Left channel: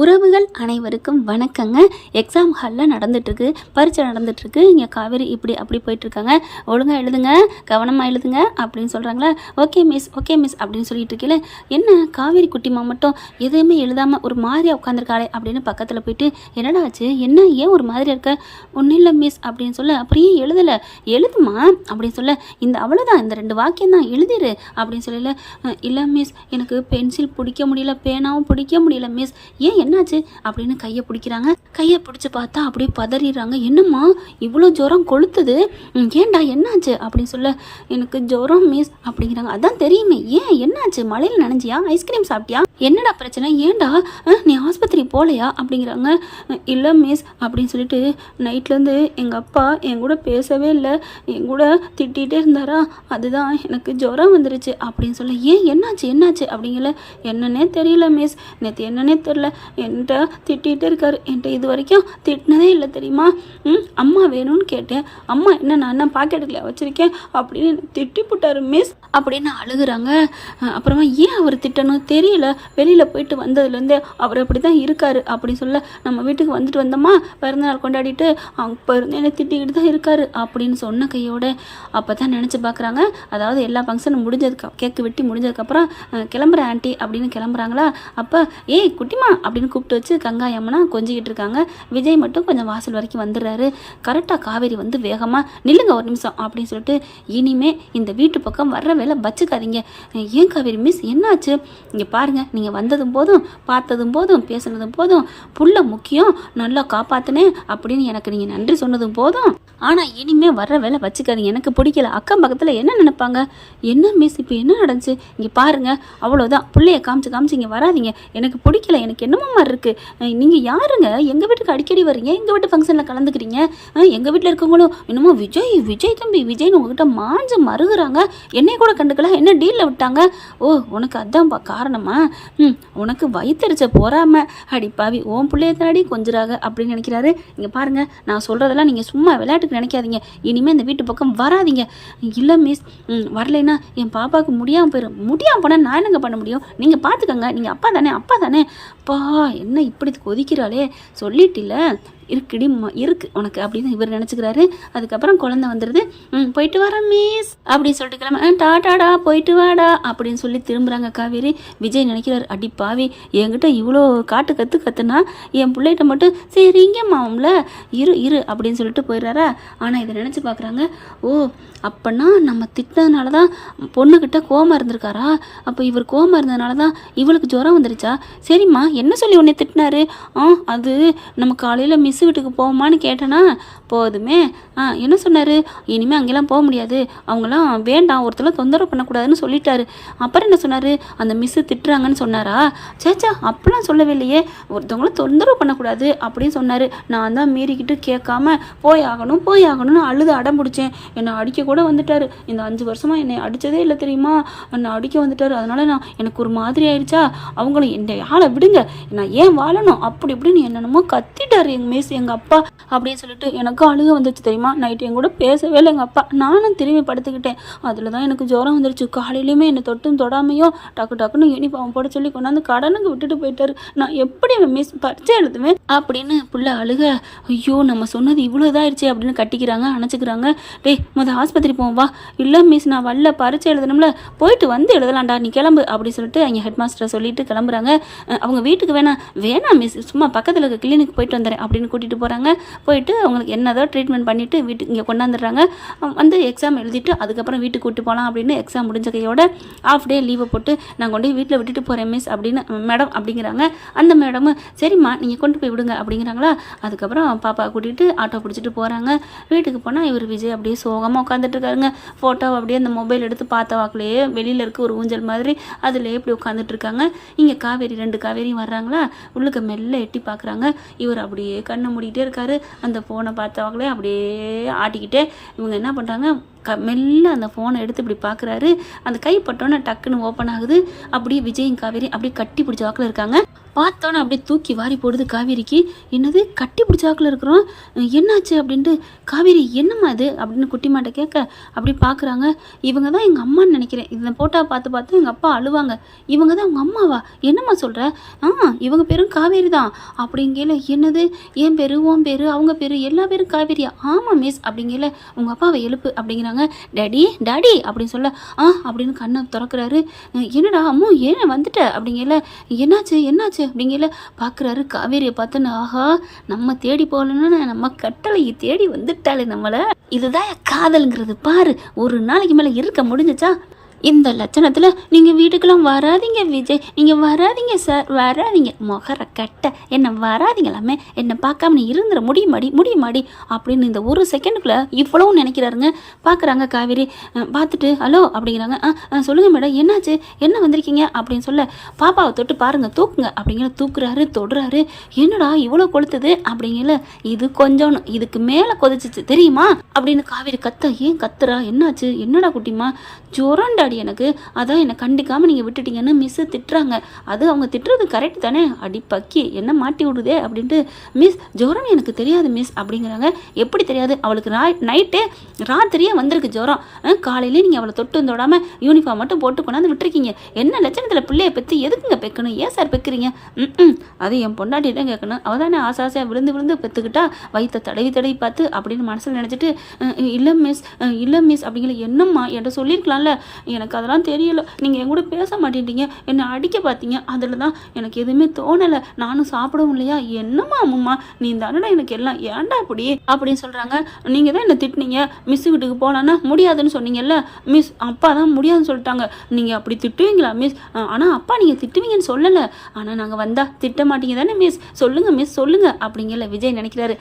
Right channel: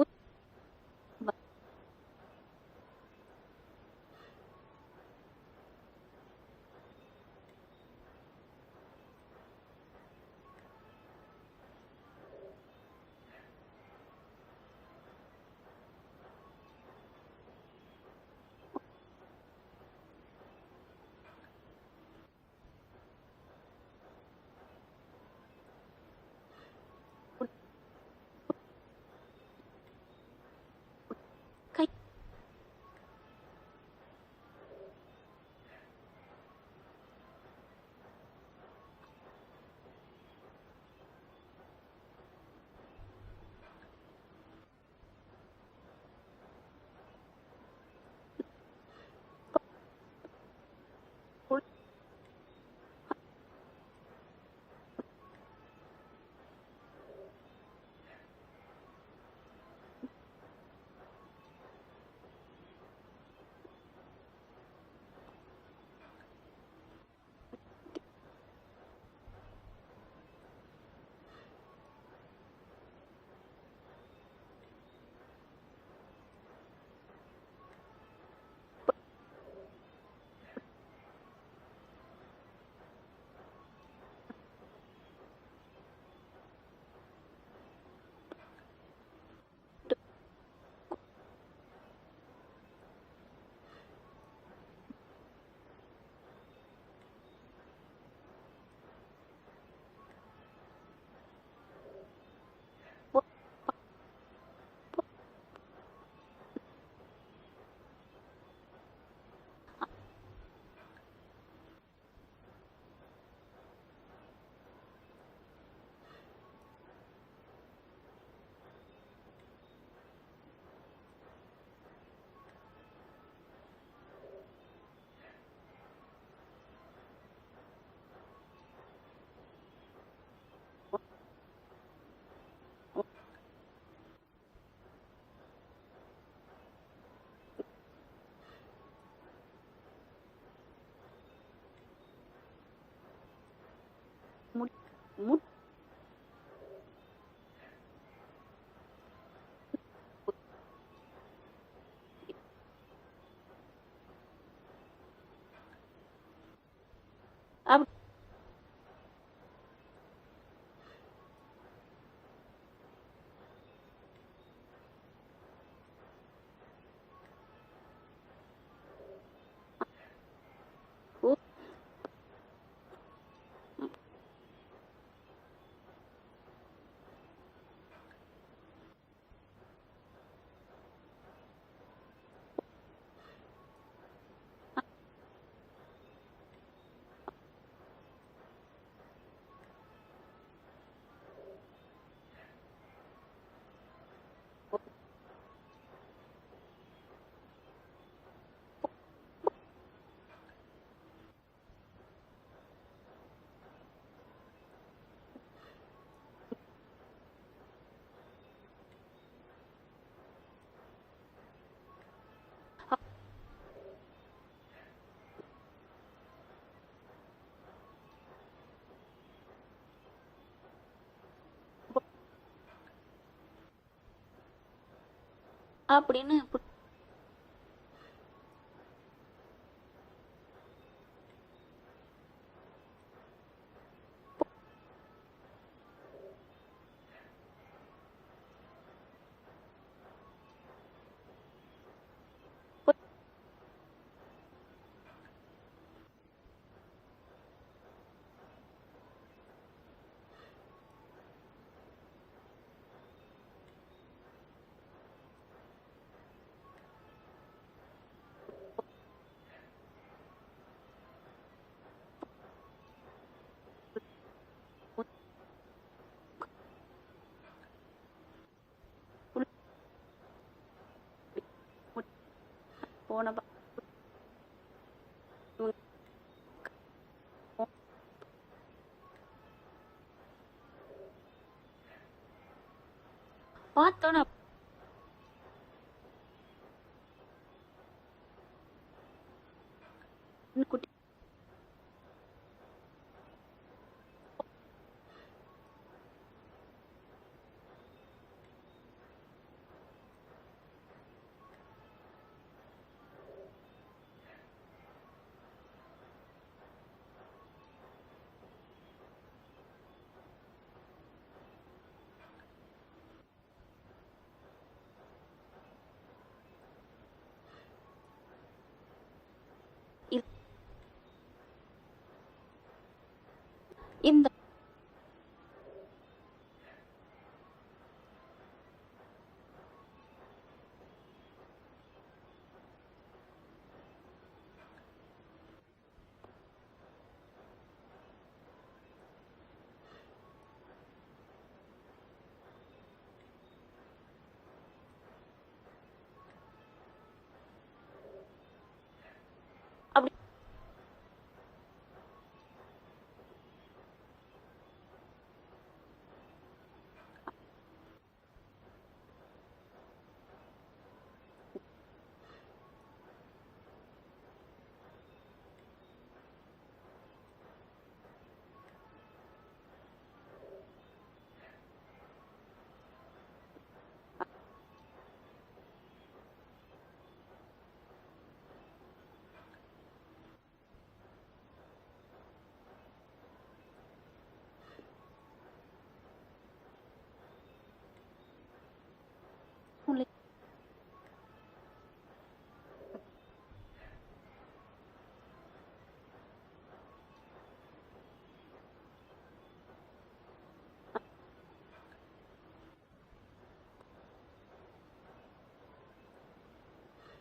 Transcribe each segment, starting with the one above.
உறவுகள் அனைவருக்கும் வணக்கங்க. எக்ஸாம் ஹாலில் நடந்துட்டுருக்கு, பரீட்சை நடந்துட்டுருக்கு. இங்கே காவேரி இப்படி அப்படி போயிட்டுருக்காங்க. ஒழுங்காக எழுதுங்க, கவனமாக எழுதுங்க அப்படின்னு சொல்கிறாங்களா. ஓகே மிஸ் ஓகே மிஸ் அப்படின்னு சொல்லிட்டு இருக்கல. என்ன காவேரி குட்டிமா மட்டும் எதுவுமே எழுதாமல் ஒரு மாதிரியாக உட்காந்துருக்காளே அப்படின்னு பக்கத்தில் போயிட்டு, என்னடா ஆச்சு, என்ன ஏன் ஒரு மாதிரியாக இருக்க? ஒன்றும் இல்லை மிஸ் அப்படின்னு சொல்ல, அப்படியே எழுதலை, எழுதுமா அப்படின்னு சொல்ல, இந்த அவ்வளோதான், இந்த 2 வாக்கியம் தான் எழுதிரு அப்படின்னு சொல்லல. இல்லை மிஸ், எனக்கு பென்சில் பிடிக்க முடியல, பேனாவும் பிடிக்க முடியல மிஸ். ஏன் என்னாச்சு அப்படின்னு கையை பிடிக்கிறாங்க. கையை பிடிச்சி பார்த்தா அப்படியே பதறிடுறாங்க. என்னம்மா இவ்வளோ ஜுரம் கொளுத்துது, ஏன்டா என்னாச்சு அப்படின்னு சொல்ல, எனக்கு ஜுரம் மிஸ் அப்படிங்கிறாங்க. அதான் தெரியுமே, ஏன் என்னாச்சு, மழையில் நனைஞ்சியா, ஐஸ்கிரீம் சாப்பிட்டியா, என்னடா பிரச்சனை, ஏன்டா நீ ஆஸ்பத்திரி போகலையா அப்படிங்கிறாங்க. இல்லை மிஸ் அப்படின்னு சொல்லிட்டு, நைட்லேருந்து எங்கள் அப்பா என் கூட பேசவே இல்லை, என் கூட திட்டிகிட்டே இருந்தாரா, அதுதான் எனக்கு ஜுரம் வந்துருச்சு அப்படின்னு சொல்ல. ஏன் என்னாச்சு என்னாச்சு அப்படிங்கல. என்னன்னே தெரியல மிஸ், நேற்று என்னன்னே தெரில, என்கிட்ட திட்டிகிட்டே இருக்காரு, என்கிட்ட இது வரைக்கும் திட்டினதே இல்லை தெரியுமா. அம்மா வேணும்னு கேட்டேன், அம்மா என்ன நான் என்ன பாக்கெட்டுக்குள்ள வச்சுருக்கேன் அப்படின்னு திட்டி போட்டாரு மிஸ் அப்படின்னு அழுகுறாங்க. அப்புறமா ஏன் அவர் திட்டணும் தெரியல, வெளியில் போயிட்டு வந்ததுலேருந்தே அவர் அப்படி தான் இருக்காரு அப்படின்னு சொல்ல, நம்ம வீட்டுக்கு வந்துட்டு வந்தோமா, பிறந்தநாள் கொண்டாடிட்டு அப்போ இருந்து என்னை திட்டிக்கிட்டு தான் இருக்காரு அப்படின்னு சொன்ன கையோட. அப்போ தான் நினச்சி பார்க்குறாங்க, அதாவது எல்லா ஃபங்க்ஷனும் முடிஞ்சதுக்கு, கேக்கு வெட்டி முடிஞ்சதுக்கப்புறம் கிளம்புற ஆண்டி அப்படின்னு கிளம்புறாங்களா. அப்போ ஏய் குட்டிமா அப்படின்னு கூப்பிட்டு வச்சு கங்காயம்மனா கொஞ்சிக்கிட்டு இருக்காங்க. விஜய் மட்டும் கொஞ்சம் வாசல் வரைக்கும் வந்துடுறாரு. கரெக்டாக காவேரி வந்து வேகமாக நில்லுங்க ஒரு நிமிஷம் அப்படின்னு சொல்லிட்டு, இனிமே இந்த வீட்டு பக்கம் வர்ற வேலை வச்சுக்காதீங்க. ஏன் காவேரி மிஸ் என்னாச்சு, இங்கே பாருங்கள், நீங்கள் வந்ததும் போதும், பார்த்ததும் போதும், பேசுனதும் போதும், புள்ள முக்கியம், நல்லா காப்பாற்றினேன் அப்படின்னு எனக்கு நீங்கள் நன்றி சொன்னதும் போதும், ஆனால் இனிமேல் வர்ற வேலை வச்சுக்காதீங்க, எனக்கு பிடிக்கல. அக்கம் பக்கத்தில் என்ன நினைப்பாங்க, என்ன மிஸ் இப்போ என்ன நடந்துச்சு, இங்கே பாருங்கள், அவ்வளோதான், பிள்ளைய காமிச்சு காமிச்சு இங்கே வராதிங்க, எனக்கு பிடிக்கல, எனக்கு என்னமோ மாதிரி இருக்குது. நீங்கள் யாருங்க, எங்கள் வீட்டுக்கு அடிக்கடி வரீங்க, எங்கள் வீட்டு ஃபங்க்ஷனில் கலந்துக்கிறீங்க, எங்கள் வீட்டில் இருக்கவங்களும் இன்னமும் விஜய் விஜய் தம்பி விஜய்னு உங்ககிட்ட மாஞ்சு மறுகுறாங்க, என்னை கூட கண்டுக்கல, என்ன டீலில் விட்டாங்க. ஓ உனக்கு அதான் காரணமா, உனக்கு வயிற்றுச்ச போறாம அடிப்பாவி, ஓன் பிள்ளைய தாடி கொஞ்சிறாங்க அப்படின்னு நினைக்கிறாரு. இங்கே பாருங்கள், நான் சொல்கிறதெல்லாம் நீங்கள் சும்மா விளையாட்டுக்கு நினைக்காதீங்க, இனிமேல் இந்த வீட்டு பக்கம் வராதிங்க. இல்லை மிஸ், வரலைன்னா என் பாப்பாவுக்கு முடியாமல் போயிடும், முடியாமல் போனால் நான் என்னங்க பண்ண முடியும், நீங்கள் பார்த்துக்கங்க, நீங்கள் அப்பா தானே அப்பா தானே. அப்பா என்ன இப்படி கொதிக்கிறாளே, சொல்லிட்டில்ல இருக்குடி இருக்கு உனக்கு அப்படின்னு இவர் நினச்சிக்கிறாரு. அதுக்கப்புறம் குழந்தை வந்துடுது. போயிட்டு வரேன் மிஸ் அப்படின்னு சொல்லிட்டு கிளம்ப, டாடாடா போயிட்டு வாடா அப்படின்னு சொல்லி திரும்புகிறாங்க காவேரி. விஜய் நினைக்கிறார், அடி பாவி, என்கிட்ட இவ்வளோ காட்டு கத்துனா என் பிள்ளைகிட்ட மட்டும் சரிங்கம்மா அவங்கள இரு இரு அப்படின்னு சொல்லிட்டு போயிடுறாரா. ஆனால் இதை நினச்சி பார்க்குறாங்க, ஓ அப்போனா நம்ம திட்டினதுனால தான் பொண்ணுக்கிட்ட கோவமாக இருந்திருக்காரா, அப்போ இவர் கோவமாக இருந்ததுனால தான் இவளுக்கு ஜுரம் வந்துருச்சா. சரிம்மா என்ன சொல்லி உன்னை திட்டினாரு, அது நம்ம காலையில் மிஸ் வீட்டுக்கு போவோமான்னு கேட்டேனா, போதுமே, என்ன சொன்னார், இனிமேல் அங்கெல்லாம் போக முடியாது, அவங்களாம் வேண்டாம், ஒருத்தர் தொந்தரவு பண்ணக்கூடாதுன்னு சொல்லிட்டாரு. அப்புறம் என்ன சொன்னார், அந்த மிஸ்ஸு திட்டுறாங்கன்னு சொன்னாரா. சேச்சா அப்படிலாம் சொல்லவே இல்லையே, ஒருத்தவங்களும் தொந்தரவு பண்ணக்கூடாது அப்படின்னு சொன்னார். நான் தான் மீறிக்கிட்டு கேட்காம போய் ஆகணும்னு அழுது அடம் பிடிச்சேன். என்னை அடிக்க கூட வந்துட்டார், இந்த 5 வருஷமாக என்னை அடித்ததே இல்லை தெரியுமா, என்னை அடிக்க வந்துட்டார். அதனால் எனக்கு ஒரு மாதிரி ஆயிடுச்சா, அவங்களும் என்னை ஆளை விடுங்க, நான் ஏன் வாழணும் அப்படி இப்படின்னு என்னென்னமோ கத்திட்டார் எங்கள் மிஸ் எங்கள் அப்பா அப்படின்னு சொல்லிட்டு எனக்கு அழுக வந்துச்சு தெரியுமா. நைட்டு என் கூட பேசவே இல்லை எங்கள் அப்பா, நானும் திரும்பி படுத்துக்கிட்டேன். அதில் தான் எனக்கு ஜுரம் வந்துருச்சு. காலையிலையுமே என்னை தொட்டும் தொடாமையும் டக்குன்னு யூனிஃபார்ம் போட சொல்லி கொண்டாந்து கடனுக்கு விட்டுட்டு போயிட்டாரு. நான் எப்படி மிஸ் பரிச்சை எழுதுவேன் அப்படின்னு புள்ள அழுக. ஐயோ நம்ம சொன்னது இவ்வளோ இதாகிடுச்சு அப்படின்னு கட்டிக்கிறாங்க, அணைச்சிக்கிறாங்க. டேய் ஆஸ்பத்திரி போவோம் வா. இல்லை மிஸ் நான் வரல, பரிச்சை எழுதணும்ல, போயிட்டு வந்து எழுதலாம்டா, நீ கிளம்பு அப்படின்னு சொல்லிட்டு அங்கே ஹெட் மாஸ்டரை சொல்லிட்டு கிளம்புறாங்க. அவங்க வீட்டுக்கு வேணாம் மிஸ், சும்மா பக்கத்தில் இருக்க கிளினிக் போயிட்டு வந்துடுறேன் அப்படின்னு கூட்டிகிட்டு போகிறாங்க. போயிட்டு அவங்களுக்கு என்னதோ ட்ரீட்மெண்ட் பண்ணிவிட்டு வீட்டுக்கு இங்கே கொண்டாந்துடுறாங்க. வந்து எக்ஸாம் எழுதிட்டு அதுக்கப்புறம் வீட்டுக்கு கூப்பிட்டு போகலாம் அப்படின்னு எக்ஸாம் முடிஞ்ச கையோட ஆஃப் டே லீவை போட்டு நான் கொண்டு போய் வீட்டில் விட்டுட்டு போகிறேன் மிஸ் அப்படின்னு மேடம் அப்படிங்கிறாங்க. அந்த மேடமும் சரிம்மா நீங்கள் கொண்டு போய் விடுங்க அப்படிங்கிறாங்களா. அதுக்கப்புறம் பாப்பா கூட்டிகிட்டு ஆட்டோ பிடிச்சிட்டு போகிறாங்க. வீட்டுக்கு போனால் இவர் விஜய் அப்படியே சோகமாக உட்காந்துட்டு இருக்காருங்க. ஃபோட்டோ அப்படியே அந்த மொபைல் எடுத்து பார்த்த வாக்கிலேயே வெளியில் இருக்க ஒரு ஊஞ்சல் மாதிரி அதில் எப்படி உட்காந்துட்டு இருக்காங்க. இங்கே காவேரி 2 காவேரியும் வர்றாங்களா. உள்ளுக்கு மெல்ல எட்டி பார்க்குறாங்க. இவர் அப்படியே கண்ணை மூடிக்கிட்டே இருக்காரு. அந்த ஃபோனை பார்த்த வாக்கிலே அப்படியே ஆட்டிக்கிட்டே இவங்க என்ன பண்ணுறாங்க, மெல்ல அந்த ஃபோனை எடுத்து இப்படி பார்க்குறாரு. அந்த கைப்பட்டோன்னே டக்குன்னு ஓப்பன் ஆகுது. அப்படியே விஜயும் காவேரி அப்படியே கட்டி பிடிச்ச வாக்கில் இருக்காங்க. பார்த்தோன்னே அப்படியே தூக்கி வாரி போடுது காவேரிக்கு. என்னது கட்டி பிடிச்சாக்கில் இருக்கிறோம், என்னாச்சு அப்படின்ட்டு காவேரி என்னம்மா இது அப்படின்னு குட்டிமாட்ட கேட்க அப்படி பார்க்குறாங்க. இவங்க தான் எங்கள் அம்மான்னு நினைக்கிறேன், இதை போட்டா பார்த்து பார்த்து எங்கள் அப்பா அழுவாங்க. இவங்க தான் உங்கள் அம்மாவா? என்னம்மா சொல்கிற? இவங்க பேரும் காவேரி தான் அப்படிங்கல. என்னது என் பேர், உன் பேர், அவங்க பேர், எல்லா பேரும் காவேரியா? ஆமாம் மிஸ் அப்படிங்கல. உங்கள் அப்பாவை எழுப்பு அப்படிங்கிறாங்க. டாடி டாடி அப்படின்னு சொல்ல அப்படின்னு கண்ணை திறக்கிறாரு. என்னடா அம்மு ஏன் வந்துட்ட அப்படிங்கல. என்னாச்சு என்னாச்சு அப்படிங்கல. பார்க்குறாரு காவேரியை பார்த்துன்னு. ஆஹா, நம்ம தேடி போகலன்னு நம்ம கட்டளையை தேடி வந்துட்டாலே நம்மளை. இதுதான் காதலுங்கிறது பாரு. ஒரு நாளைக்கு மேலே இருக்க முடிஞ்சிச்சா? இந்த லட்சணத்தில் நீங்கள் வீட்டுக்கெல்லாம் வராதிங்க விஜய், நீங்கள் வராதிங்க சார், வராதிங்க முகர கட்ட, என்னை வராதிங்களாமே, என்னை பார்க்காம நீ இருந்துட முடியுமாடி அப்படின்னு இந்த ஒரு செகண்டுக்குள்ளே இவ்வளவும் நினைக்கிறாருங்க. பார்க்குறாங்க காவேரி. பார்த்துட்டு ஹலோ அப்படிங்கிறாங்க. சொல்லுங்கள் மேடம் என்னாச்சு, என்ன வந்திருக்கீங்க அப்படின்னு சொல்ல, பாப்பாவை தொட்டு பாருங்கள் தூக்குங்க அப்படிங்கிற. தூக்குறாரு, தொடுறாரு. என்னடா இவ்வளோ கொளுத்துது அப்படிங்கல. இது கொஞ்சம் இதுக்கு மேலே கொதிச்சிச்சு தெரியுமா அப்படின்னு காவேரி கத்த. ஏன் கத்துறா, என்னாச்சு, என்னடா குட்டிமா? ஜுரண்டா எனக்கு, அதான் என்னை கண்டிக்காமல் நீங்கள் விட்டுட்டீங்கன்னு மிஸ்ஸு திட்டுறாங்க. அது அவங்க திட்டுறது கரெக்ட் தானே? அடி பக்கி என்ன மாட்டி விடுதே அப்படின்ட்டு. மிஸ் ஜுரம் எனக்கு தெரியாது மிஸ் அப்படிங்கிறாங்க. எப்படி தெரியாது? அவளுக்கு நைட்டே ராத்திரியே வந்திருக்கு ஜுரம். காலையிலே நீங்கள் அவளை தொட்டு தொடாமல் யூனிஃபார்ம் மட்டும் போட்டு கொண்டாந்து விட்டுருக்கீங்க. என்ன லட்சணத்தில் பிள்ளையை பெற்று எதுக்குங்க பெக்கணும்? ஏன் சார் பெக்கிறீங்க? அது என் பொண்டாட்டி தான் கேட்கணும். அவள் தானே ஆசாசியாக விழுந்து பெற்றுக்கிட்டா வயிற்ற தடவி பார்த்து அப்படின்னு மனசில் நினச்சிட்டு இல்லை மிஸ் அப்படிங்கிற. என்னம்மா என்கிட்ட சொல்லியிருக்கலாம்ல, எனக்கு அதெல்லாம் தெரியல, நீங்கள் என் கூட பேச மாட்டேட்டீங்க, என்னை அடிக்க பார்த்தீங்க, அதில் தான் எனக்கு எதுவுமே தோணலை, நானும் சாப்பிடவும் இல்லையா. என்னம்மா அம்மா நீ தானடா எனக்கு எல்லாம், ஏன்டா அப்படி அப்படின்னு சொல்கிறாங்க. நீங்கள் தான் என்னை திட்டினீங்க, மிஸ் வீட்டுக்கு போகலான்னா முடியாதுன்னு சொன்னீங்கல்ல மிஸ், அப்பா தான் முடியாதுன்னு சொல்லிட்டாங்க. நீங்கள் அப்படி திட்டுவீங்களா மிஸ்? ஆனால் அப்பா நீங்கள் திட்டுவீங்கன்னு சொல்லலை, ஆனால் நாங்கள் வந்தால் திட்ட மாட்டீங்க தானே மிஸ், சொல்லுங்கள் மிஸ் சொல்லுங்கள் அப்படிங்கல. விஜய் நினைக்கிறாரு.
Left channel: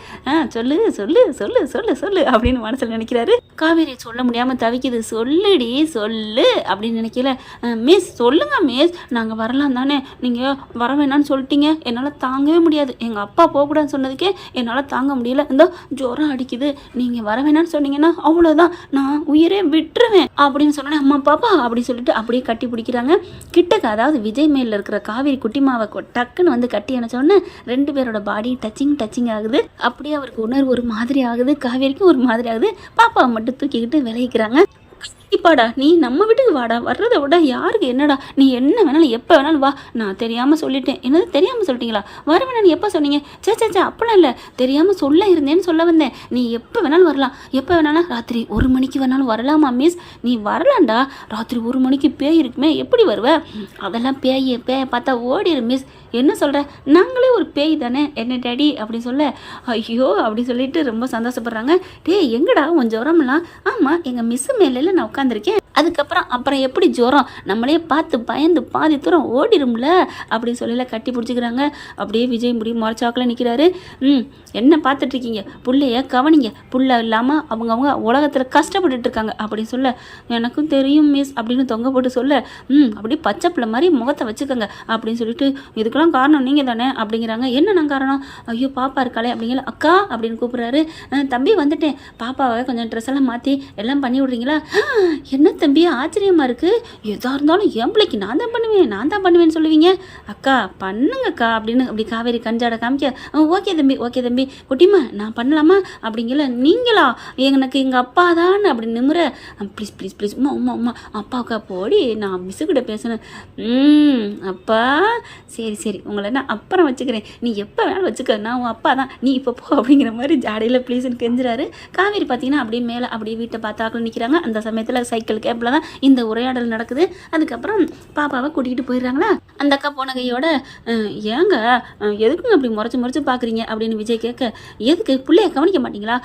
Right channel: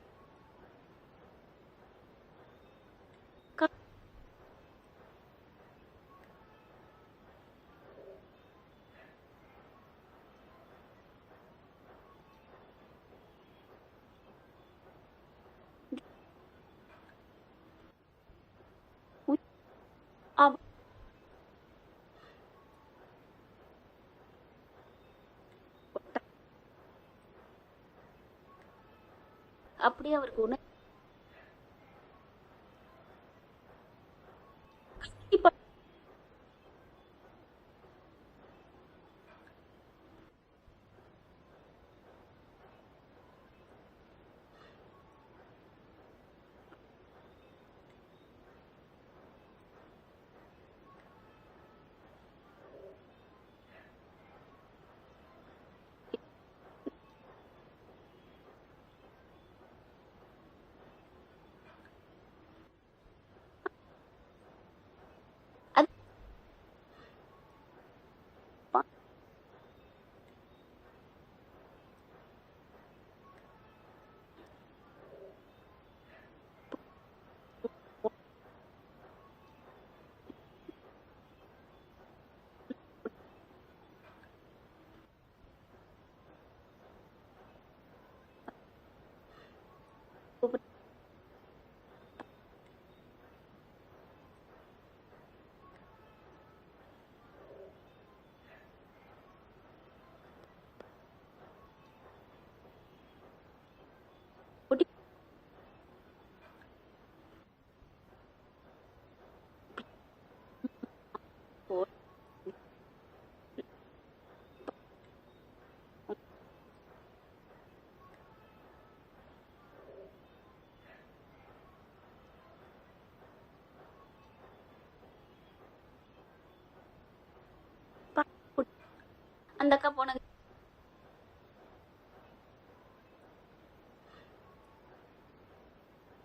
சொல்லு சொல்லு சொல்லு சொல்லு சொல்லு அப்படின்னு மனசில் நினைக்கிறாரு. காவேரி சொல்ல முடியாமல் தவிக்குது. சொல்லுடி சொல்லு அப்படின்னு நினைக்கல. மிஸ் சொல்லுங்க மிஸ், நாங்கள் வரலாம் தானே, நீங்கள் வர வேணான்னு சொல்லிட்டீங்க, என்னால் தாங்கவே முடியாது, எங்கள் அப்பா போகக்கூடாதுன்னு சொன்னதுக்கே என்னால் தாங்க முடியல, இந்த ஜுரம் அடிக்குது, நீங்கள் வர வேணான்னு சொன்னீங்கன்னா அவ்வளோதான், நான் உயிரே விட்டுருவேன் அப்படின்னு சொன்னேன். அம்மா பாப்பா அப்படின்னு சொல்லிட்டு அப்படியே கட்டி பிடிக்கிறாங்க. கிட்டக்க அதாவது விஜய் மேல இருக்கிற காவேரி குட்டிமாவை டக்குன்னு வந்து கட்டி அணைச்சோடனே 2 பேரோட பாடி டச்சிங் ஆகுது. அப்படியே அவருக்கு உணர்வு ஒரு மாதிரி ஆகுது, காவேரிக்கும் ஒரு மாதிரி ஆகுது. பாப்பாவை மட்டும் தூக்கிக்கிட்டு விளைவிக்கிறாங்க. இப்பாடா நீ நம்ம வீட்டுக்கு வாடா, வர்றதை விட யாருக்கு என்னடா, நீ என்ன வேணாலும் எப்போ வேணாலும் வா, நான் தெரியாமல் சொல்லிட்டேன். என்னது தெரியாமல் சொல்லிட்டீங்களா? வர வேணாலும் எப்போ சொன்னீங்க? சே அப்பெல்லாம் இல்லை, தெரியாமல் சொல்ல இருந்தேன்னு சொல்ல வந்தேன். நீ எப்போ வேணாலும் வரலாம், எப்போ வேணாலும் ராத்திரி 1 மணிக்கு வேணாலும் வரலாமா மிஸ்? நீ வரலாம்டா, ராத்திரி 1 மணிக்கு பேய் இருக்குமே, எப்படி வருவ? அதெல்லாம் பேயை பார்த்தா ஓடிடு மிஸ். என்ன சொல்கிற? நாங்களே ஒரு பேய் தானே என்ன டேடி அப்படின்னு சொல்ல, ஐயோ அப்படி சொல்லிட்டு ரொம்ப சந்தோஷப்படுறாங்க. எங்கடா உன் ஜுரம்லாம்? ஆமாம் எங்கள் மிஸ்ஸு மேலே நான் உட்காந்துருக்கேன், அப்புறம் எப்படி ஜுரம், நம்மளே பார்த்து பயந்து பாதி தூரம் ஓடிடும்ல அப்படின்னு சொல்லல. கட்டி பிடிச்சிக்கிறாங்க. அப்படியே விஜய் முடி முறைச்சாக்கில் நிற்கிறாரு. என்ன பார்த்துட்ருக்கீங்க, புள்ளைய கவனிங்க, புள்ள இல்லாமல் அவங்க உலகத்தில் கஷ்டப்பட்டுட்டு இருக்காங்க அப்படின்னு சொல்ல, எனக்கும் தெரியும் மிஸ் அப்படின்னு தொங்க போட்டு சொல்ல, அப்படியே பச்சை பிள்ளை மாதிரி முகத்தை வச்சுக்கோங்க அப்படின்னு சொல்லிட்டு, இதுக்கெல்லாம் காரணம் நீங்கள் தானே அப்படிங்கிறாங்க. என்னென்ன காரணம்? ஐயோ பாப்பா இருக்காளே அப்படிங்கிற. அக்கா அப்படின்னு கூப்பிட்றாரு. தம்பி வந்துட்டேன், பாப்பாவை கொஞ்சம் ட்ரெஸ் எல்லாம் மாற்றி எல்லாம் பண்ணி விட்றீங்களா? என்ன தம்பி ஆச்சரியமாக இருக்குது, எதாக இருந்தாலும் என் பிள்ளைக்கு நான் தான் பண்ணுவேன்னு சொல்லுவீங்க. அக்கா பண்ணுங்கக்கா அப்படின்னு அப்படி காவேரி கஞ்சாட காமிக்க. ஓகே தம்பி குட்டிமா நான் பண்ணலாமா அப்படிங்கல. நீங்களா? எனக்கு எங்கள் அப்பா தான் அப்படி நிமிர. ப்ளீஸ் உமா அப்பாவுக்கா போடி, நான் மிஸ்ஸுக்கிட்ட பேசுனேன். அப்பா சரி உங்களை நான் அப்புறம் வச்சுக்கிறேன், நீ எப்போ வேணாலும் வச்சுக்க, நான் உன் அப்பா தான், நீ இப்போ போ அப்படிங்கிற மாதிரி ஜாடையில் ப்ளீஸ்ன்னு கெஞ்சுறாரு. காவேரி பார்த்தீங்கன்னா அப்படியே மேலே அப்படியே வீட்டை பார்த்தாக்கள் நிற்கிறாங்க. அந்த சமயத்தில் சைக்கிள் கேப்பில் தான் இந்த உரையாடல் நடக்குது. அதுக்கப்புறம் பாப்பாவை கூட்டிகிட்டு போயிடுறாங்களா. அந்த அக்கா போன கையோட, ஏங்க எதுக்குங்க அப்படி முறைச்சு பார்க்குறீங்க அப்படின்னு விஜய் கேட்க, எதுக்கு பிள்ளைய கவனிக்க மாட்டீங்களா?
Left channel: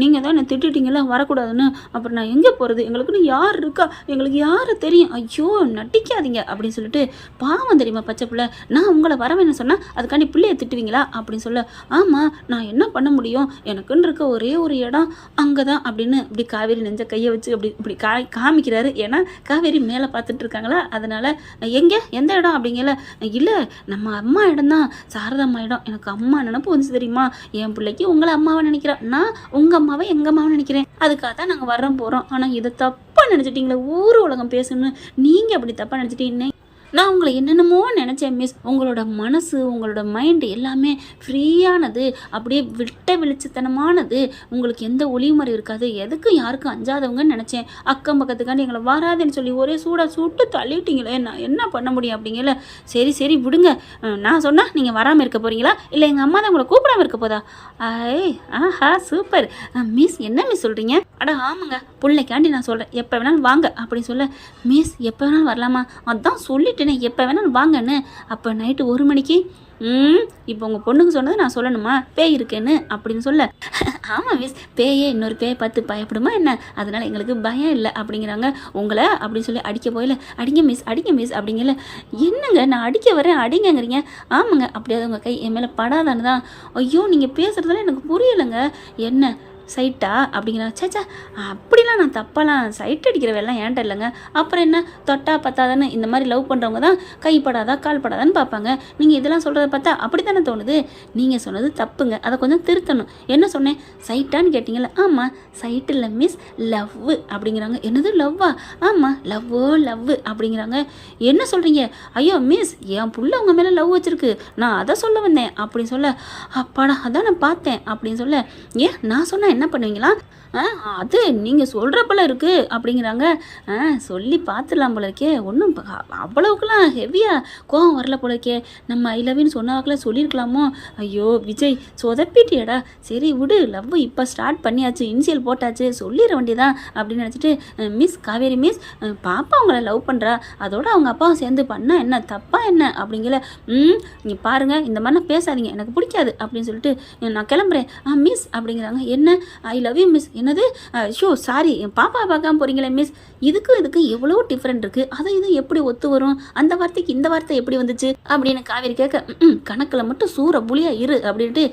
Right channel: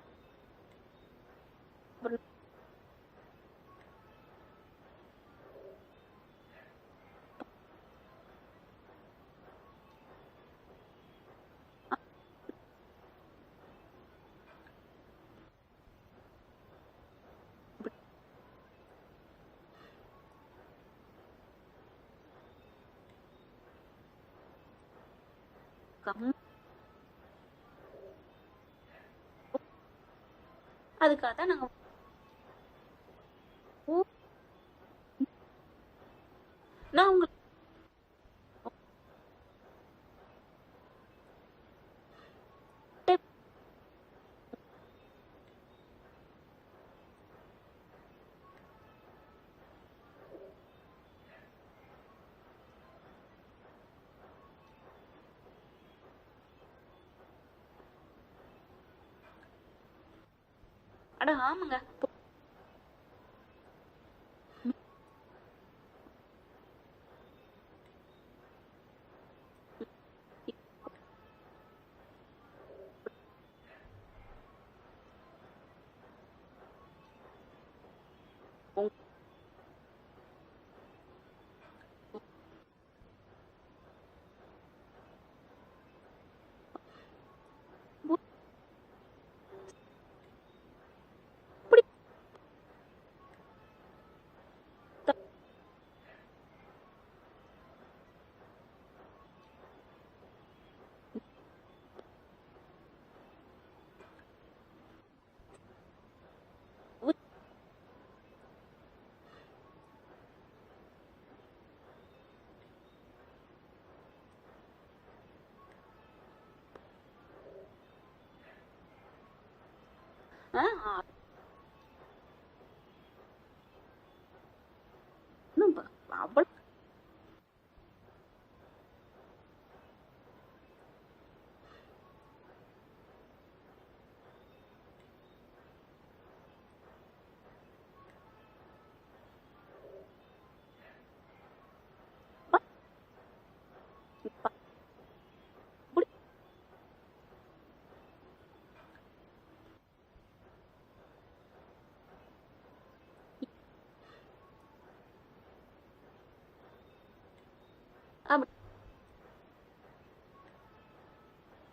நீங்கள் தான் என்னை திட்டிட்டீங்களா வரக்கூடாதுன்னு, அப்புறம் நான் எங்கே போகிறது, எங்களுக்குன்னு யார் இருக்கா, எங்களுக்கு யாரை தெரியும், ஐயோ நட்டிக்காதீங்க அப்படின்னு சொல்லிட்டு, பாவம் தெரியுமா பச்சை பிள்ளை, நான் உங்களை வரவேன்னு சொன்னால் அதுக்காண்டி பிள்ளைய திட்டுவீங்களா அப்படின்னு சொல்ல, ஆமாம் நான் என்ன பண்ண முடியும், எனக்குன்னு இருக்க ஒரே ஒரு இடம் அங்கே தான் அப்படின்னு இப்படி காவேரி நெஞ்ச கையை வச்சு இப்படி காமிக்கிறாரு. ஏன்னா காவேரி மேலே பார்த்துட்டு இருக்காங்களா, அதனால் எந்த இடம் அப்படிங்கல. இல்லை நம்ம அம்மா இடம் தான், சாரதாம்மா இடம், எனக்கு அம்மா நினப்பு வந்துச்சு தெரியுமா, என் பிள்ளைக்கு உங்களை அம்மாவை நினைக்கிறேன், நான் உங்கள் அம்மாவை எங்கள் அம்மாவை நினைக்கிறேன், அதுக்காக தான் நாங்கள் வர்றோம் போகிறோம். ஆனால் இதை தப்பாக நினச்சிட்டிங்களே, ஊர் உலகம் பேசணும்னு நீங்கள் அப்படி தப்பாக நினச்சிட்டீங்க. நான் உங்களை என்னென்னமோ நினச்சேன் மிஸ். உங்களோட மனசு, உங்களோட மைண்டு எல்லாமே ஃப்ரீயானது, அப்படியே விட்ட வெளிச்சத்தனமானது. உங்களுக்கு எந்த ஒளிவுமறை இருக்காது, எதுக்கும் யாருக்கும் அஞ்சாதவங்கன்னு நினச்சேன். அக்கம் பக்கத்துக்காண்டி எங்களை வராதுன்னு சொல்லி ஒரே சூடாக சுட்டு தள்ளிவிட்டீங்களே, நான் என்ன பண்ண முடியும் அப்படிங்கல. சரி சரி விடுங்க, நான் சொன்னால் நீங்கள் வராமல் இருக்க போகிறீங்களா, இல்லை எங்கள் அம்மா தான் உங்களை கூப்பிடாமல் இருக்க போதா? ஆஹா சூப்பர் மிஸ். என்ன மிஸ் சொல்கிறீங்க? அட ஆமாங்க, பிள்ளைக்காண்டி நான் சொல்கிறேன், எப்போ வேணாலும் வாங்க அப்படின்னு சொல்ல. மிஸ் எப்போ வேணாலும் வரலாமா? அதான் சொல்லிட்டேனே எப்போ வேணாலும் வாங்கன்னு. அப்போ நைட்டு 1 மணிக்கு இப்போ உங்கள் பொண்ணுக்கு சொன்னது நான் சொல்லணுமா பேய் இருக்கேன்னு அப்படின்னு சொல்ல. ஆமாம் மிஸ், பேயே இன்னொரு பேயை பார்த்து பயப்படுமா என்ன, அதனால் எங்களுக்கு பயம் இல்லை அப்படிங்கிறாங்க. உங்களை அப்படின்னு சொல்லி அடிக்க போயில, அடிங்க மிஸ் அப்படிங்கல. என்னங்க நான் அடிக்க வரேன் அடிங்கங்கிறீங்க. ஆமாங்க, அப்படியாவது உங்கள் கை என் மேலே படாதான்னு தான். ஐயோ நீங்கள் பேசுகிறதுல எனக்கு புரியலைங்க. என்ன சைட்டா அப்படிங்கிறா. சேச்சா அப்படிலாம் நான் தப்பாலாம் சைட் அடிக்கிற வேலைலாம் ஏன்ட்ட இல்லைங்க. அப்புறம் என்ன தொட்டா பத்தாதான்னு இந்த மாதிரி லவ் பண்ணுறவங்க தான் கைப்படாதா கால் படாதான்னு பார்ப்பாங்க. நீங்கள் இதெல்லாம் சொல்கிறத பார்த்தா அப்படி தானே தோணுது. நீங்கள் சொன்னது தப்புங்க, அதை கொஞ்சம் திருத்தணும். என்ன சொன்னேன் சைட்டான்னு கேட்டிங்கல்ல? ஆமாம் சைட்டு இல்லை மிஸ், லவ் அப்படிங்கிறாங்க. என்னது லவ்வா? ஆமாம் லவ் அப்படிங்கிறாங்க. என்ன சொல்கிறீங்க? ஐயோ மிஸ் என் புள்ள உங்கள் மேலே லவ் வச்சுருக்கு, நான் அதை சொல்ல வந்தேன் அப்படின்னு சொல்ல. அப்பாடா அதான் நான் பார்த்தேன் அப்படின்னு சொல்ல. ஏன் நான் சொன்னேன் என்ன பண்ணுவீங்களா? அது நீங்கள் சொல்கிறப்பல இருக்குது அப்படிங்கிறாங்க. சொல்லி பார்த்துடலாம் போல இருக்கே, ஒன்றும் அவ்வளவுக்குலாம் ஹெவியாக கோவம் வரல போல இருக்கே. நம்ம ஐ லவ்னு சொன்னாக்கெல்லாம் சொல்லியிருக்கலாமோ. ஐயோ விஜய் சொதப்பிட்டியடா. சரி விடு, லவ் இப்போ ஸ்டார்ட் பண்ணியாச்சு, இனிஷியல் போட்டாச்சு, சொல்லிட வேண்டியதான் அப்படின்னு நினச்சிட்டு, மிஸ் காவேரி மிஸ் பாப்பா அவங்கள லவ் பண்ணுறா, அதோட அவங்க அப்பாவும் சேர்ந்து பண்ணால் என்ன தப்பா என்ன அப்படிங்கல. நீங்கள் பாருங்கள் இந்த மாதிரிலாம் பேசாதீங்க, எனக்கு பிடிக்காது அப்படின்னு சொல்லிட்டு நான் கிளம்புறேன். மிஸ் அப்படிங்கிறாங்க. என்ன ஐ லவ் யூ மிஸ்? என்னது? ஷோ சாரி, என் பாப்பா பார்க்காம போகிறீங்களே மிஸ். இதுக்கு எவ்வளோ டிஃப்ரெண்ட் இருக்குது, அதை இது எப்படி ஒத்து வரும், அந்த வார்த்தைக்கு இந்த வார்த்தை எப்படி வந்துச்சு அப்படின்னு காவேரி கேட்க. கணக்கில் மட்டும் சூற புளியா இரு அப்படின்ட்டு.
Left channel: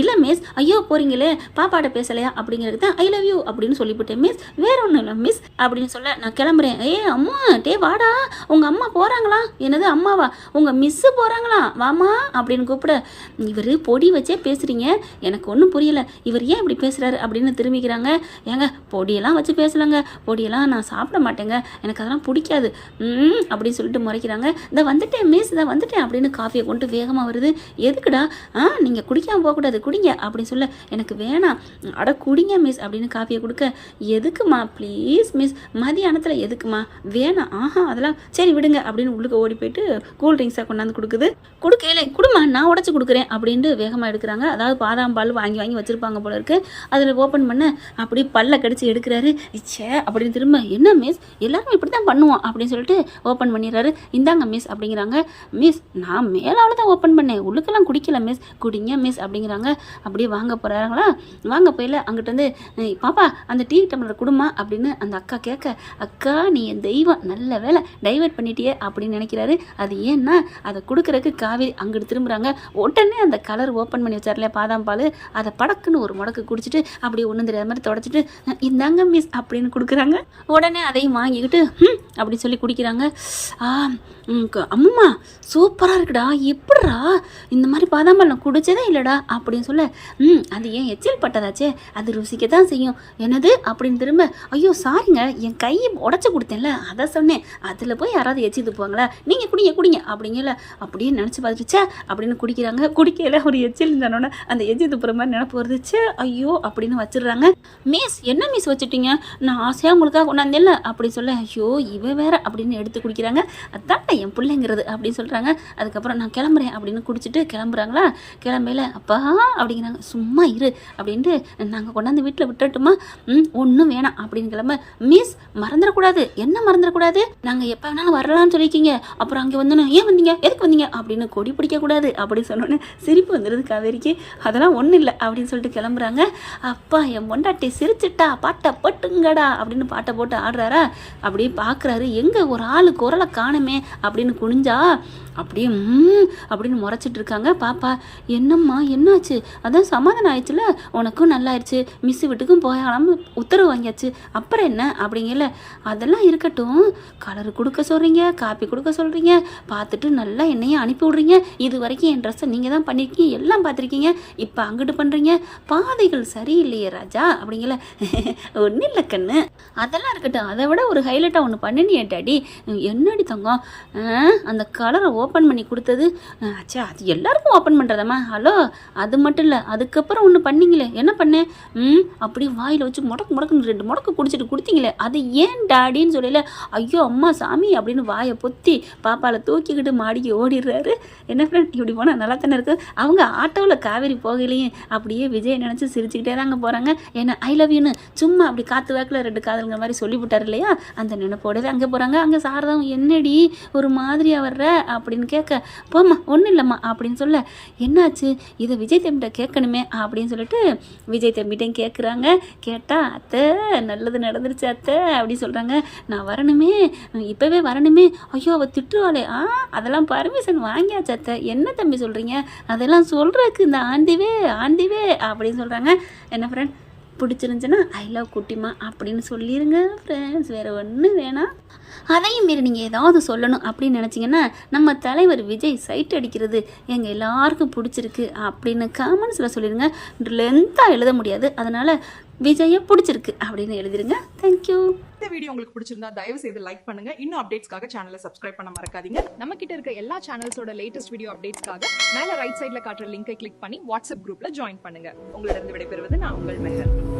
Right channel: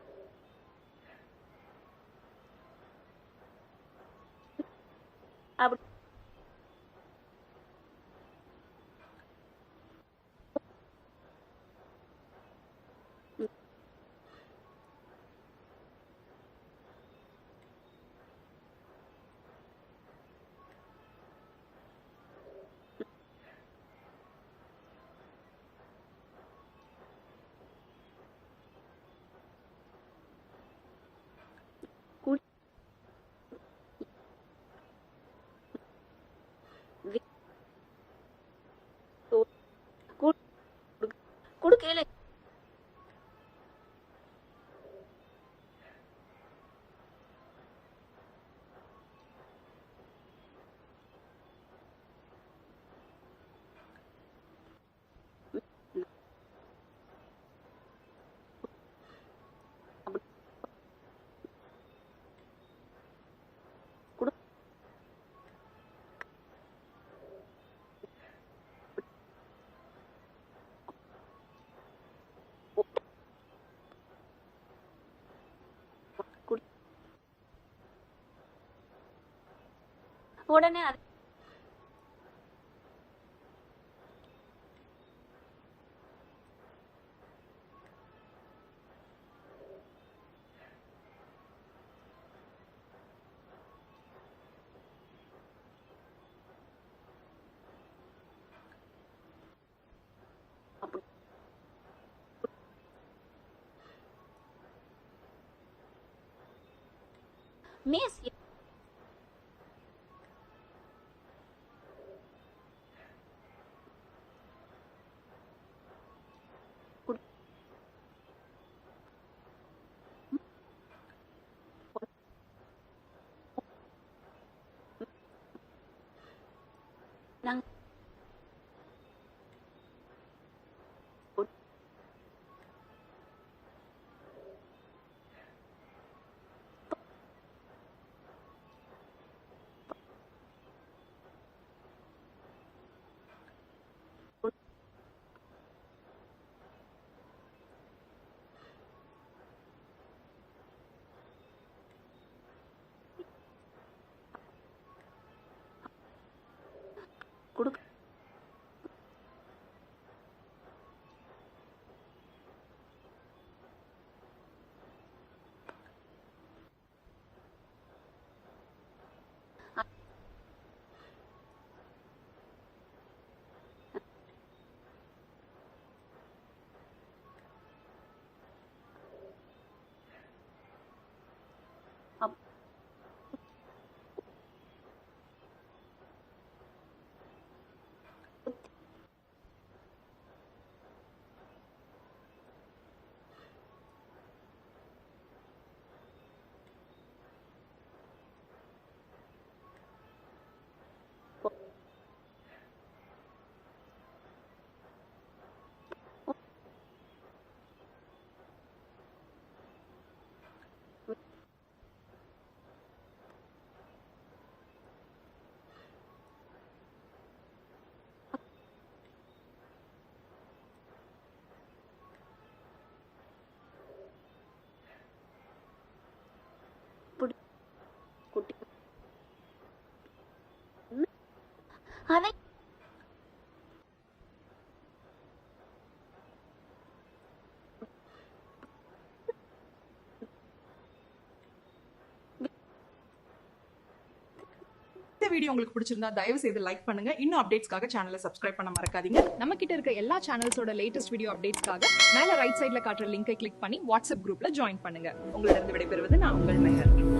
இல்லை மிஸ், ஐயோ போகிறீங்களே பாப்பாட்ட பேசலையா அப்படிங்கிறது தான் ஐ லவ் யூ அப்படின்னு சொல்லிவிட்டேன் மிஸ், வேற ஒன்றும் இல்லை மிஸ் அப்படின்னு சொல்ல நான் கிளம்புறேன். அம்மா டே வாடா, உங்கள் அம்மா போகிறாங்களா? என்னது அம்மாவா? உங்கள் மிஸ்ஸு போகிறாங்களா, வாமா அப்படின்னு கூப்பிட. இவர் பொடி வச்சே பேசுகிறீங்க, எனக்கு ஒன்றும் புரியலை, இவர் ஏன் இப்படி பேசுகிறாரு அப்படின்னு திரும்பிக்கிறாங்க. ஏங்க பொடியெல்லாம் வச்சு பேசலாங்க, பொடியெல்லாம் நான் சாப்பிட மாட்டேங்க, எனக்கு அதெல்லாம் பிடிக்காது அப்படின்னு சொல்லிட்டு முறைக்கிறாங்க. இதை வந்துட்டேன் மிஸ், இதை வந்துட்டேன் அப்படின்னு காஃபியை கொண்டு வேகமாக வருது. எதுக்குடா? நீங்கள் குடிக்காமல் போகக்கூடாது, குடிங்க அப்படின்னு சொல்ல. எனக்கு வேணாம். அட குடிங்க மிஸ் அப்படின்னு காஃபியை கொடுக்க. எதுக்குமா ப்ளீஸ் மிஸ், மதியானத்தில் எதுக்குமா? வேணாம். அதெல்லாம் சரி விடுங்க அப்படின்னு உள்ளுக்கு ஓடி போயிட்டு கூல் ட்ரிங்க்ஸாக கொண்டாந்து கொடுக்குது. கொடுக்கல குடுமா, நான் உடச்சி கொடுக்குறேன் அப்படின்ட்டு வேகமாக எடுக்கிறாங்க. அதாவது பாதாம் பால் வாங்கி வச்சுருப்பாங்க போல இருக்கு. அதில் ஓப்பன் பண்ண அப்படி பல்ல கடிச்சு எடுக்கிறாரு. இச்சே அப்படின்னு திரும்ப. என்ன மிஸ் எல்லாருமே இப்படி தான் பண்ணுவோம் அப்படின்னு சொல்லிட்டு ஓப்பன் பண்ணிடுறாரு. இந்தாங்க மிஸ் அப்படிங்கிறாங்க. மிஸ் நான் மேலாவில் தான் ஓப்பன் பண்ணேன், உள்ளுக்கெல்லாம் குடிக்கல மிஸ், குடிங்க மிஸ் அப்படிங்கிறாங்க. அப்படியே வாங்க போகிறாங்களா? வாங்க போயில அங்கிட்ட வந்து பாப்பா அந்த டீ டம்ளர் குடுமா அப்படின்னு அந்த அக்கா கேட்க. அக்கா நீ என் தெய்வம், நல்ல வேலை டைவர்ட் பண்ணிட்டியே அப்படின்னு நினைக்கிறாரு. அது ஏன்னா அதை கொடுக்குறதுக்கு காவேரி அங்கிட்டு திரும்புகிறாங்க. உடனே அந்த கலர் ஓப்பன் பண்ணி வச்சார்ல பாதாம் பால், அதை படக்குன்னு ஒரு முடக்கு குடிச்சிட்டு அப்படியே ஒன்றும் தெரியாத மாதிரி தொடச்சிட்டு இந்தாங்க மிஸ் அப்படின்னு கொடுக்குறாங்க. உடனே அதையும் வாங்கிக்கிட்டு அப்படின்னு சொல்லி குடிக்கிறாங்க. அம்மா சூப்பராக இருக்குடா, எப்படிடா இந்த மாதிரி பாதாம் பால் நான் குடிச்சதே இல்லைடா அப்படின்னு சொல்ல. அது ஏன் எச்சில் பட்டதாச்சே, அது ருசிக்க தான் செய்யும். என்னது அப்படின்னு திரும்ப. ஐயோ சாரிங்க, என் கையை உடச்சி கொடுத்தேன்ல அதை சொன்னேன், அதில் போய் யாராவது எச்சி துப்புவாங்களா, நீங்கள் குடிங்க அப்படிங்கல. அப்படியே நினச்சி பார்த்துச்சே அப்படின்னு குடிக்கிறாங்க. குடிக்கல ஒரு எச்சில் இருந்தானோட அந்த எச்சி துப்புற மாதிரி நினப்பு வருதுச்சு. ஐயோ அப்படின்னு வச்சிடுறாங்க. மிஸ் என்ன மிஸ் வச்சுட்டீங்க, நான் ஆசையாக உங்களுக்காக கொண்டாந்தேன்ல அப்படி சொல்ல. ஐயோ இவ வேற அப்படின்னு எடுத்து குடிக்கிறாங்க. அதான் என் பிள்ளைங்கிறது அப்படின்னு சொல்கிறாங்க. அதுக்கப்புறம் நான் கிளம்புறேன் அப்படின்னு குடிச்சிட்டு கிளம்புறாங்களா. கிளம்பையில் அப்பா அப்படிங்கிறாங்க. சும்மா இரு அப்படின்ட்டு நாங்கள் கொண்டாந்து வீட்டில் விட்டுட்டுமா? ஒன்றும் வேணாம் அப்படின்னு கிளம்ப. மிஸ் மறந்துடக்கூடாது. என்ன மறந்துடக்கூடாது? நாங்கள் எப்போ வேணாலும் வரலான்னு சொல்லியிருக்கீங்க, அப்புறம் அங்கே வந்தோன்னே ஏன் வந்தீங்க, எதுக்கு வந்தீங்க அப்படின்னு கொடி பிடிக்கக்கூடாது அப்படின்னு சொன்னோன்னே சிரிப்பு வந்துடுது காவேரிக்கு. அதெல்லாம் ஒன்றும் இல்லை அப்படின்னு சொல்லிட்டு கிளம்புறாங்க. அப்பா என் பொண்டாட்டி சிரிச்சிட்டா, பாட்டை போட்டுங்கடா அப்படின்னு பாட்டை போட்டு ஆடுறாரா. அப்படியே பார்க்குறாரு, எங்கே ஒரு ஆள் குரலை காணுமே அப்படின்னு குனிஞ்சா அப்படியே அப்படின்னு முறைச்சிட்டு இருக்காங்க பாப்பா. என்னம்மா என்னாச்சு? அதான் சமாதானம் ஆயிடுச்சுல, உனக்கும் நல்லாயிருச்சு, மிஸ் வீட்டுக்கும் போயாலும் உத்தரவு வாங்கியாச்சு, அப்புறம் என்ன அப்படிங்கல. அதெல்லாம் இருக்கட்டும், கலர் கொடுக்க சொல்கிறீங்க, காப்பி கொடுக்க சொல்கிறீங்க, பார்த்துட்டு நல்லா என்னையும் அனுப்பி விட்றீங்க. இது வரைக்கும் என் ட்ரெஸ்ஸை நீங்கள் தான் பண்ணியிருக்கீங்க, எல்லாம் பார்த்துருக்கீங்க, இப்போ அங்கிட்டு பண்ணுறீங்க, பாதைகள் சரியில்லையே ராஜா அப்படிங்கல. ஒன்றும் இல்லை கண்ணு, அதெல்லாம் இருக்கட்டும், அதை விட ஒரு ஹைலைட்டாக ஒன்று பண்ணினியே டாடி. என்னடி தங்கம், அந்த கலரை ஓப்பன் பண்ணி கொடுத்தது, ஆச்சா அது எல்லாருக்கும் ஓப்பன் பண்ணுறதாம்மா. ஹலோ, அது மட்டும் இல்லை, அதுக்கப்புறம் ஒன்று பண்ணிங்களே, என்ன பண்ணேன்? அப்படி வாயில் வச்சு முடக்குன்னு 2 முடக்கு குடிச்சிட்டு கொடுத்தீங்களே, அது ஏன் டாடின்னு சொல்லல. ஐயோ அம்மா சாமி அப்படின்னு வாயை பொத்தி பாப்பாவில் தூக்கிக்கிட்டு மாடிக்கு ஓடிடுறாரு. என்ன ஃப்ரெண்ட், இப்படி போனால் நல்லா தானே இருக்குது. அவங்க ஆட்டோவில் காவேரி போகலையும் அப்படியே விஜய் நினச்சி சிரிச்சுக்கிட்டே தாங்க போகிறாங்க. ஏன்னா ஐ லவ் யூன்னு சும்மா அப்படி காற்று வாக்கில் 2 காதல்ங்கிற மாதிரி சொல்லிவிட்டார் இல்லையா, அந்த நினைப்போடவே அங்கே போகிறாங்க. அங்கே சாரதாவும் என்னடி ஒரு மாதிரியாக வர்ற அப்படின்னு கேட்க, போம்மா ஒன்றும் இல்லைம்மா அப்படின்னு சொல்ல, என்னாச்சு இதை விஜய் தம்பிகிட்ட கேட்கணுமே அப்படின்னு சொல்லிட்டு விஜய் தம்பிகிட்டையும் கேட்குறாங்க. கேட்டால் அத்தை நல்லது நடந்துருச்சு அத்தை அப்படின்னு சொல்கிறாங்க. நான் வரணுமே, இப்போவே வரணுமே. ஐயோ அவள் திட்டுவாளே. அதெல்லாம் பர்மிஷன் வாங்கியாச்சு அத்தை. என்ன தம்பி சொல்கிறீங்க? அதெல்லாம் சொல்கிறதுக்கு இந்த ஆண்டிவே அப்படின்னு சொல்கிறாங்க. என்ன ஃப்ரெண்ட், பிடிச்சிருந்துச்சுன்னா ஐ லவ் குட்டிமா அப்படின்னு சொல்லிடுங்க ஃப்ரெண்ட்ஸ், வேறு ஒன்றும் வேணாம். அதையும் மீறி நீங்கள் ஏதாவது சொல்லணும் அப்படின்னு நினச்சிங்கன்னா, நம்ம தலைவர் விஜய் சைட் அடிக்கிறது எங்கள் எல்லாருக்கும் பிடிச்சிருக்கு அப்படின்னு காமெண்ட்ஸில் சொல்லிடுங்க. லென்த்தாக எழுத முடியாது, அதனால் விஜயை பிடிச்சிருக்கு அப்படின்னு எழுதிருங்க. தேங்க்யூ. இந்த வீடியோ உங்களுக்கு பிடிச்சிருந்தா தயவு செய்து லைக் பண்ணுங்க. இன்னும் அப்டேட்ஸ்க்காக சேனலை சப்ஸ்கிரைப் பண்ண மறக்காதீங்க. நம்ம கிட்ட இருக்க எல்லா சேனல்ஸோட லேட்டஸ்ட் வீடியோ அப்டேட்ஸ்க்காக மேல ரைட் சைட்ல காட்டுற லிங்கை கிளிக் பண்ணி வாட்ஸ்அப் குரூப்ல ஜாயின் பண்ணுங்க. உங்களிடம் விடைபெறுவது நான் உங்கள் மெஹர்.